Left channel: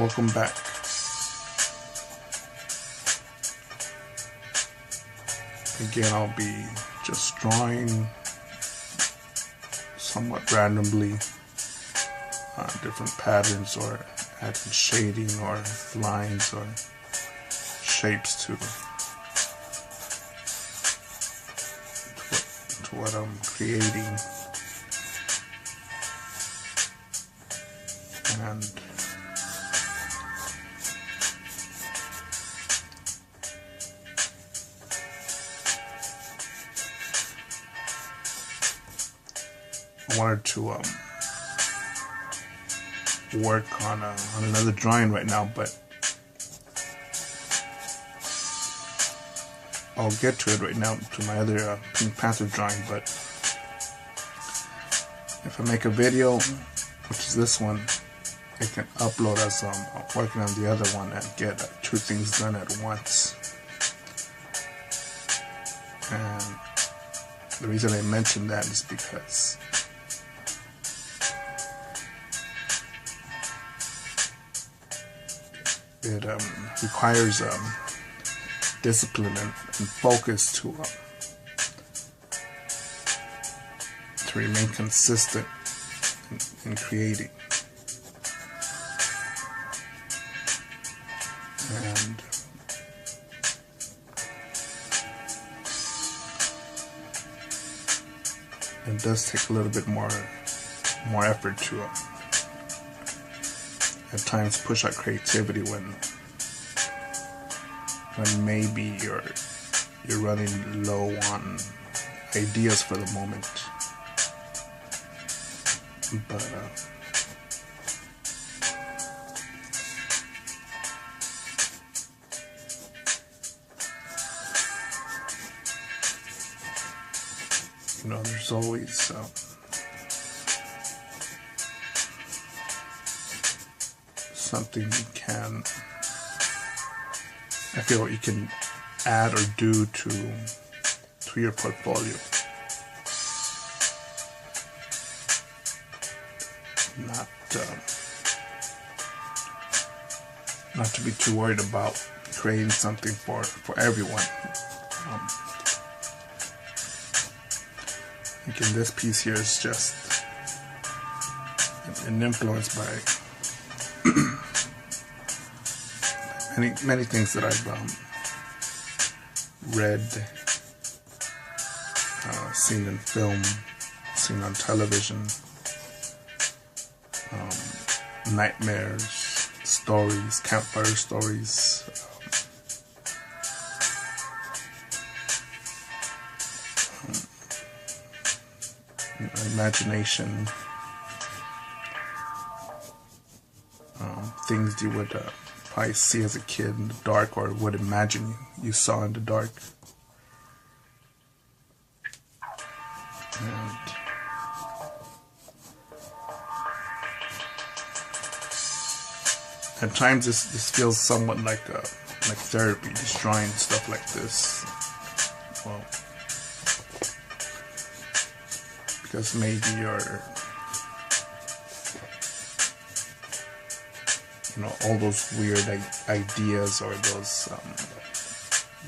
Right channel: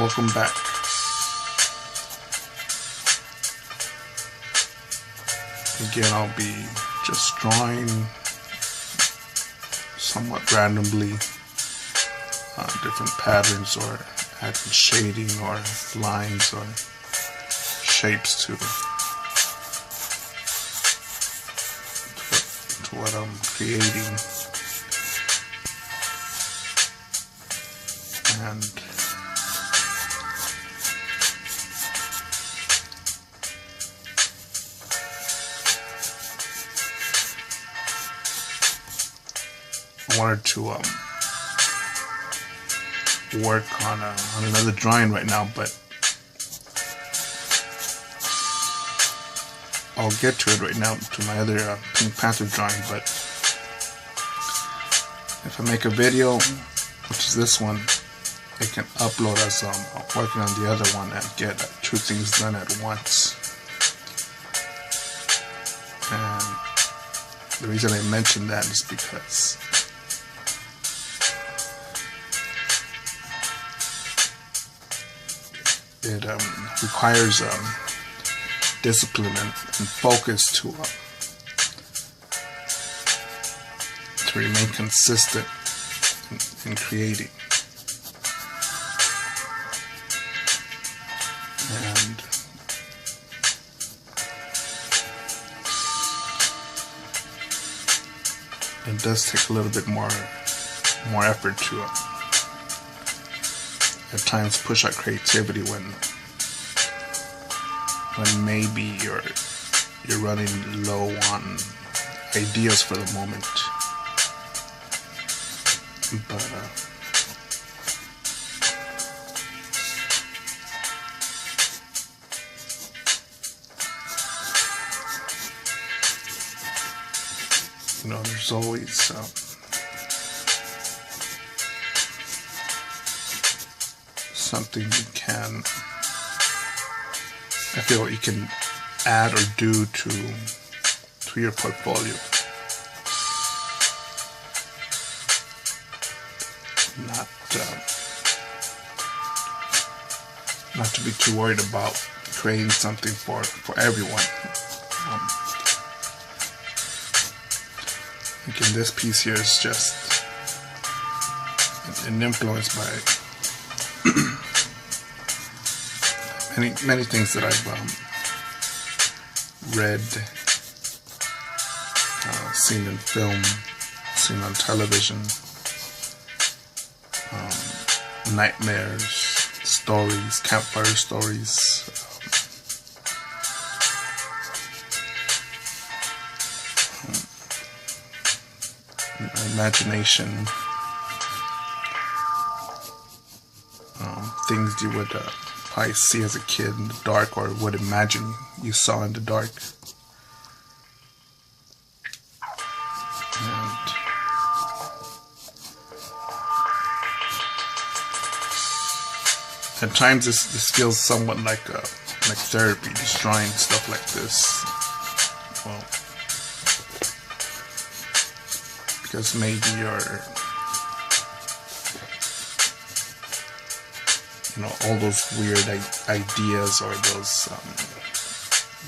Welcome back. Again, I'll be just drawing somewhat randomly different patterns, or adding shading or lines or shapes to what I'm creating. And I wanted to work on another drawing right now, but I'll get to it right now, to my other Pink Panther drawing. But if I make a video, which is this one, I can upload as I'm working on the other one and get two things done at once. And the reason I mention that is because it requires discipline and focus to remain consistent in creating. And it does take a little bit more effort to at times push out creativity when maybe you're running low on ideas for the moment. But there's always something I feel you can add or do to your portfolio. Not to be too worried about creating something for everyone. Like in this piece here is just an influence by many things that I've read, seen in film, seen on television, nightmares, stories, campfire stories, imagination, things you would probably see as a kid in the dark, or would imagine you saw in the dark. And at times this feels somewhat like therapy, just drawing stuff like this. Well, because maybe you're all those weird ideas, or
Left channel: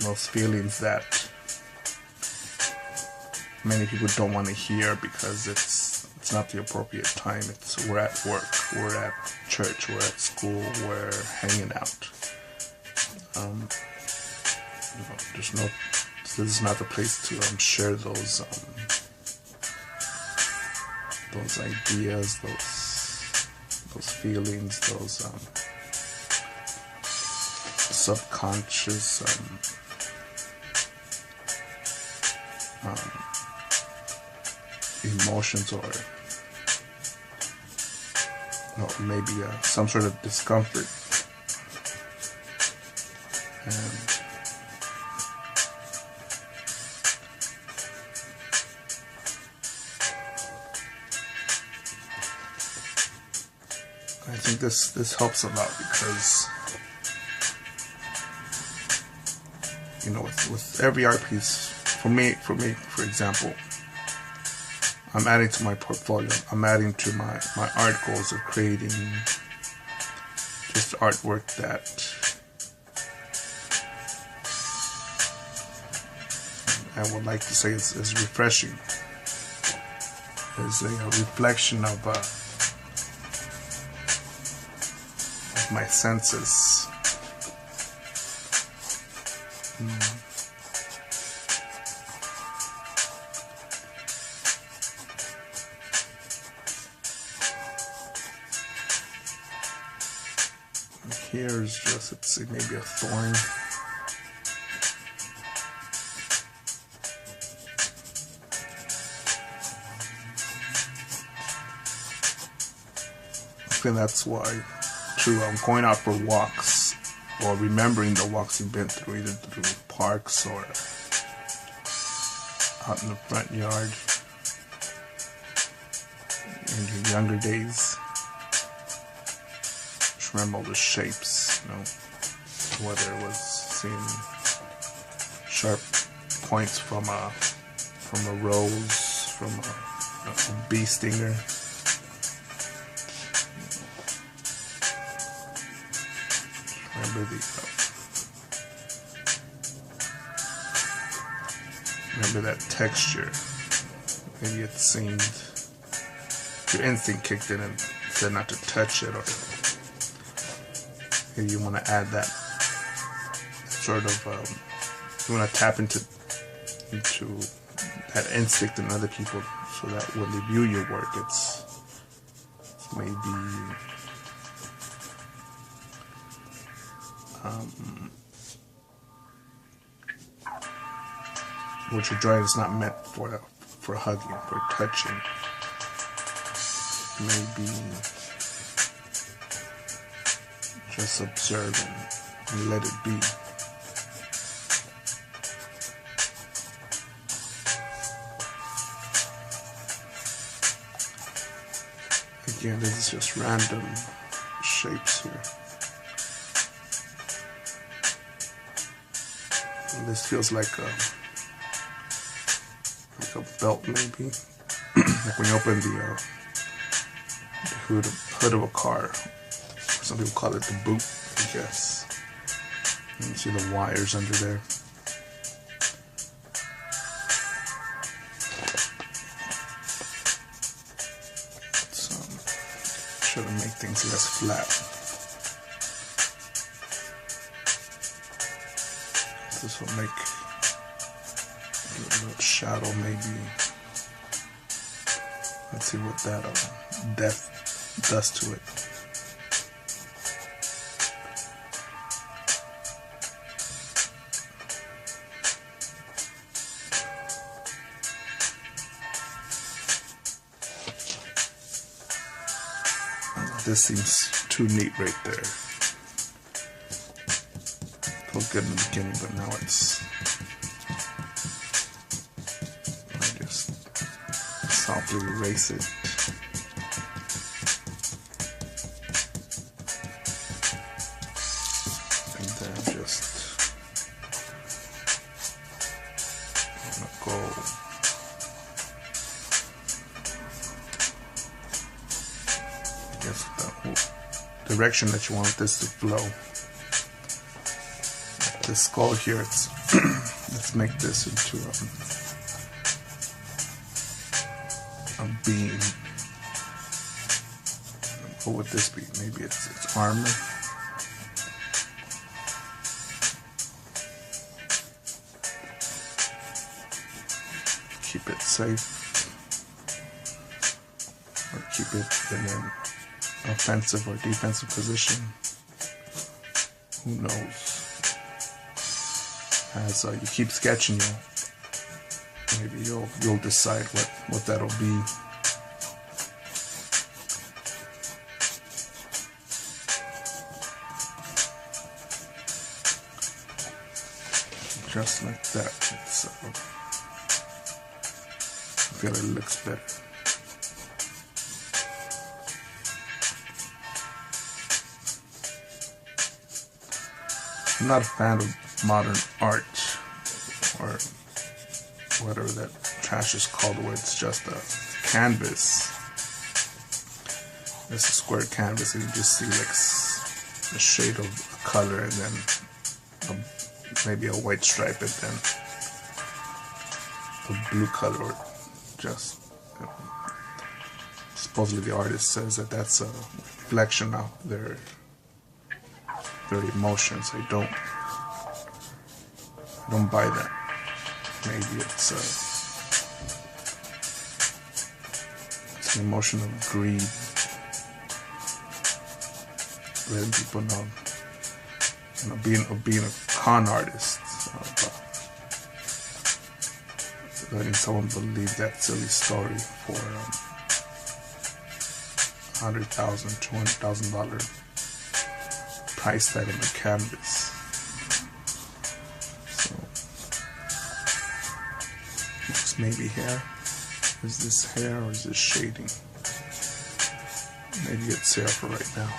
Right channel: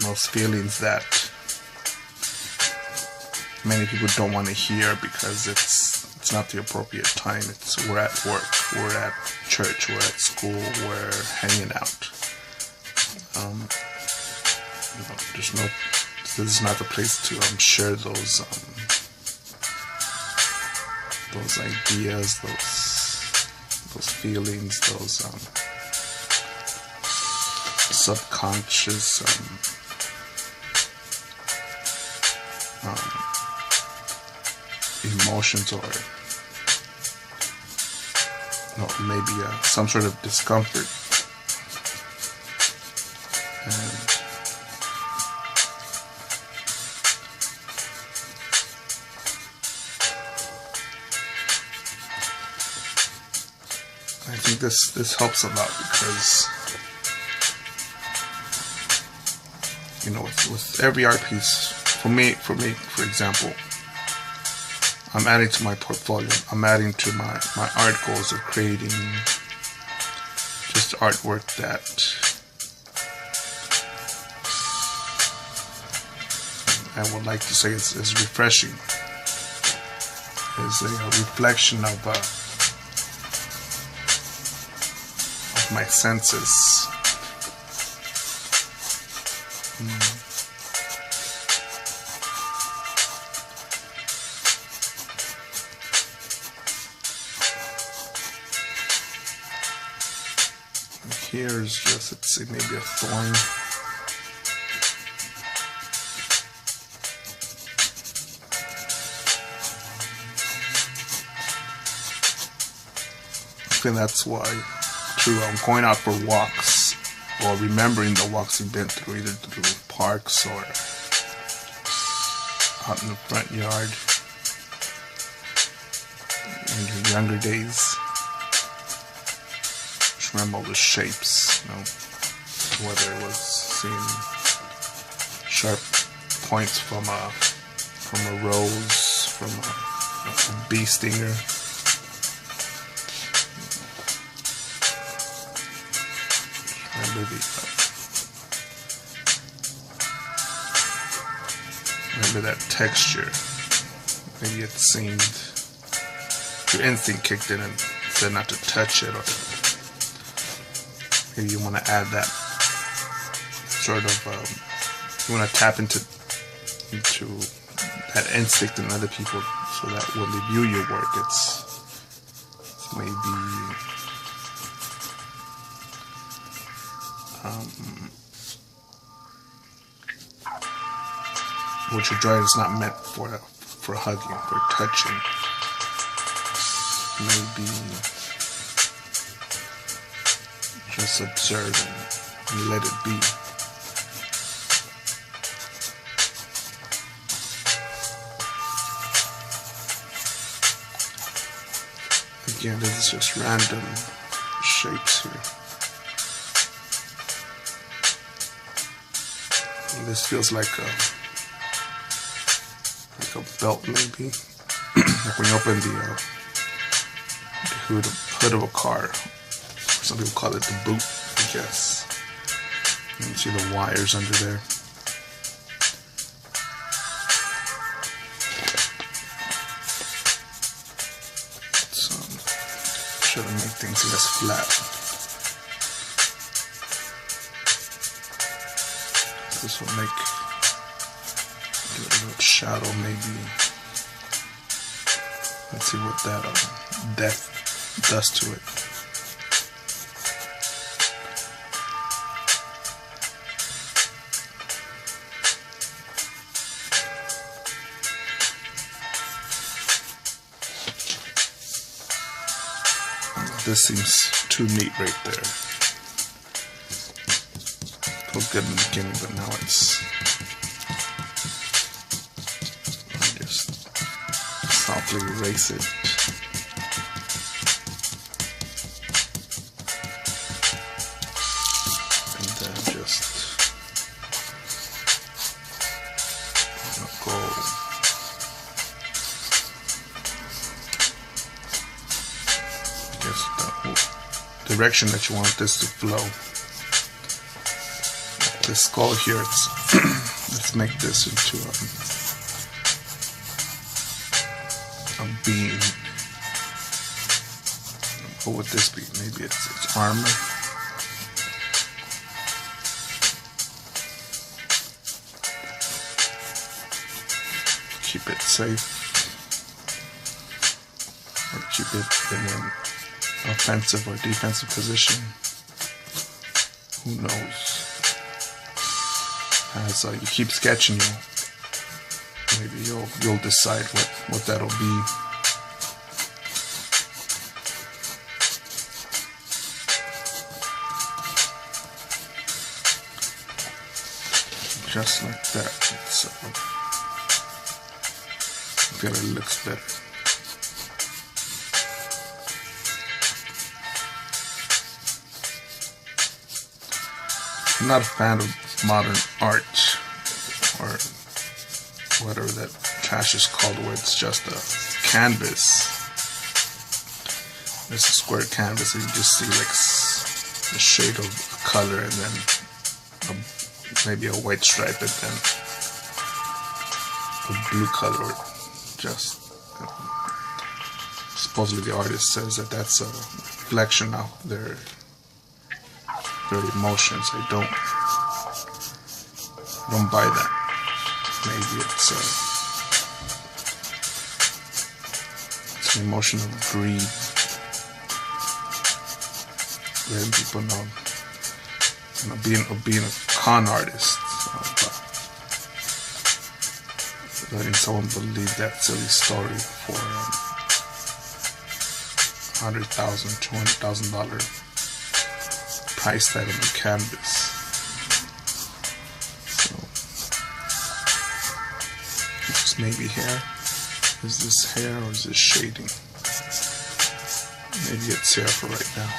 those feelings that many people don't want to hear because it's not the appropriate time. We're at work, we're at church, we're at school, we're hanging out. This is not the place to share those ideas, those feelings, those subconscious emotions, or maybe some sort of discomfort. And I think this helps a lot, because with every art piece, for me, for example, I'm adding to my portfolio. I'm adding to my art goals of creating just artwork that I would like to say is refreshing. Is a reflection of my senses. Here's just, let's see, maybe a thorn. I think that's why, true, I'm going out for walks, or remembering the walks you've been through, either through parks or out in the front yard in your younger days. Just remember all the shapes, you know, whether it was seeing sharp points from a rose, from a bee stinger. Remember that texture. Maybe it seemed your instinct kicked in and said not to touch it, or maybe you want to add that sort of you want to tap into that instinct in other people, so that when they view your work, it's maybe what you're drawing is not meant for hugging, for touching. Maybe just observe and let it be. Again, this is just random shapes here. And this feels like a belt, maybe. Like when you open the hood of a car. Some people call it the boot, I guess. And you see the wires under there. So, try to make things less flat. This will give it a little shadow, maybe. Let's see what that depth does to it. This seems too neat right there. It was good in the beginning, but now it's... I just softly erase it. And then just go the direction that you want this to flow. Like this skull here, let's make this into a beam. What would this be? Maybe it's armor. Keep it safe, or keep it in an offensive or defensive position. Who knows? As you keep sketching, maybe you'll decide what that'll be. Just like that. So I feel it looks better. I'm not a fan of modern art, or whatever that trash is called, where it's just a canvas. It's a square canvas and you just see like a shade of color, and then maybe a white stripe, and then a blue color, or just supposedly the artist says that that's a reflection of their emotions. I don't buy that. Maybe it's an emotion of greed, letting people know, being a con artist, letting someone believe that silly story for $100,000, $200,000 price tag on the canvas. So, just maybe hair. Is this hair or is this shading? Maybe it's hair for right now.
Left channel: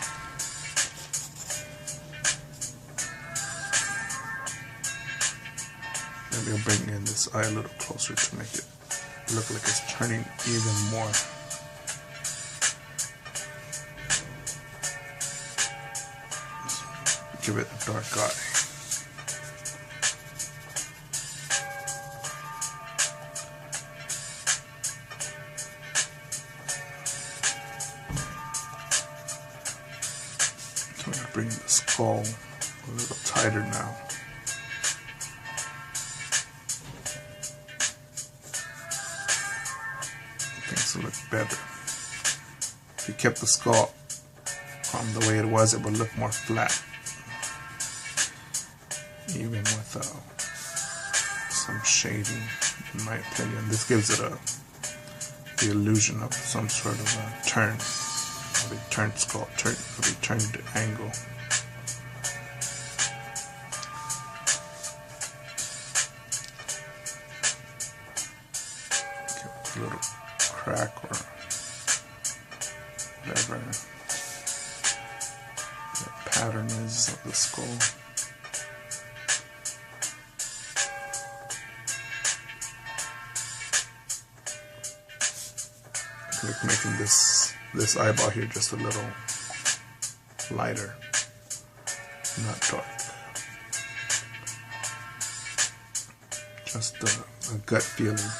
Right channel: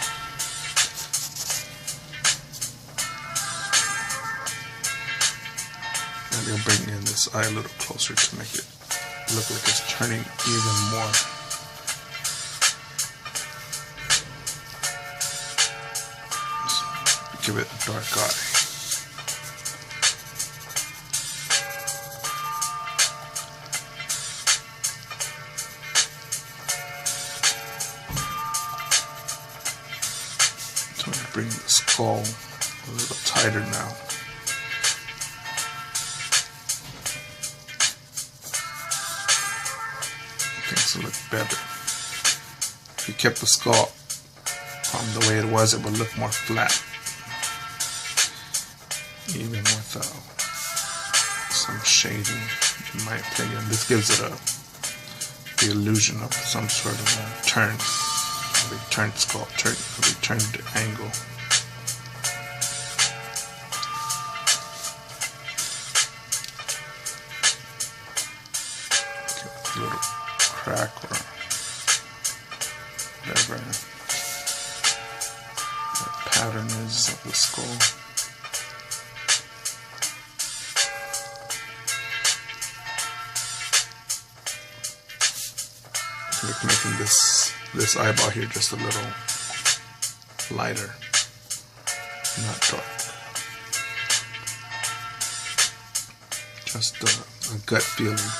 Maybe I'll bring in this eye a little closer to make it look like it's turning even more. Just give it a dark eye. So I'm going to bring the skull a little tighter now. Things will look better. If you kept the skull the way it was, it would look more flat, even with some shading, in my opinion. This gives it the illusion of some sort of a turn, of a turned skull, of a turned angle. Give it a little crack or whatever the pattern is of the skull. So like making this eyeball here just a little lighter, not dark. Just a gut feeling.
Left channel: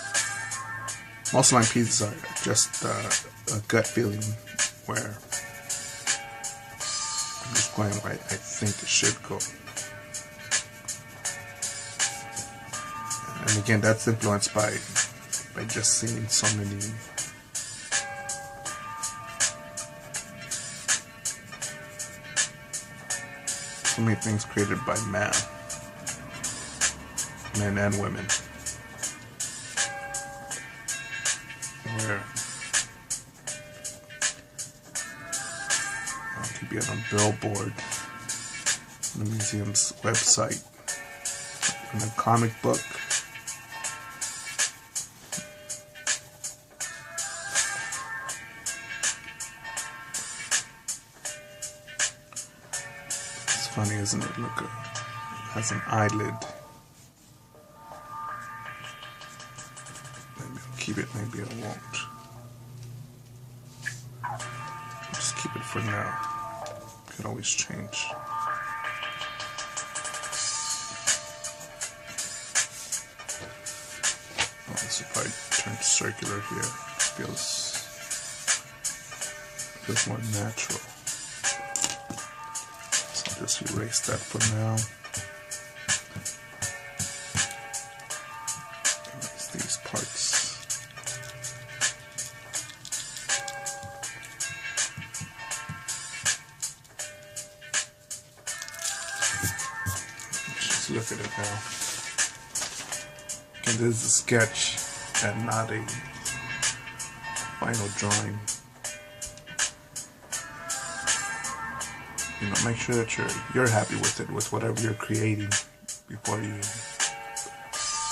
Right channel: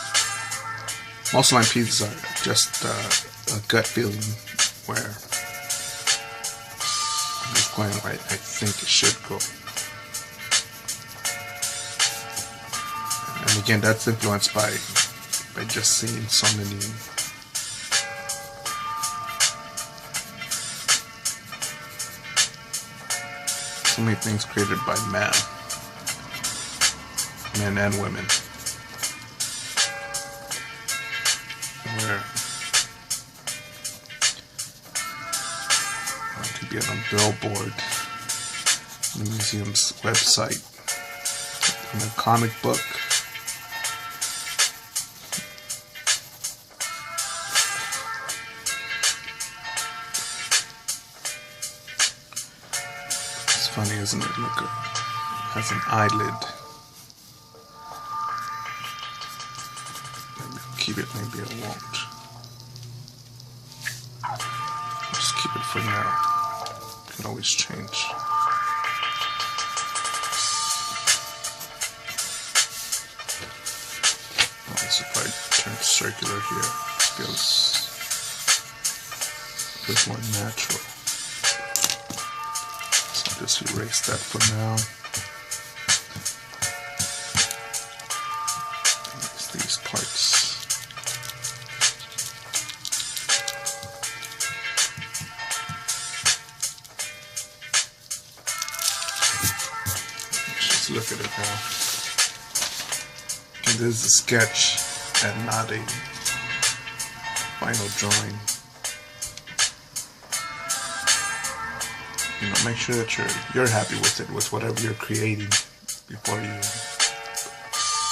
Most line pieces are just a gut feeling where I'm just going where I think it should go. And again, that's influenced by just seeing so many things created by men and women, where it could be on a billboard, on the museum's website, in a comic book. It's funny, isn't it? Look, it has an eyelid. Maybe I'll keep it, maybe I won't. Just keep it for now. Can always change. Oh, this if I turn circular here, feels more natural. So I'll just erase that for now. Erase these parts. Look at it now. Okay, this is a sketch and not a final drawing. You know, make sure that you're happy with it, with whatever you're creating, before you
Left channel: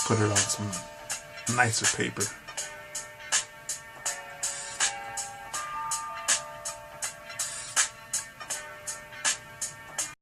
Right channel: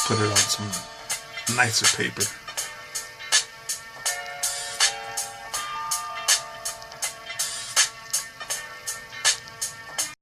put it on some nicer paper.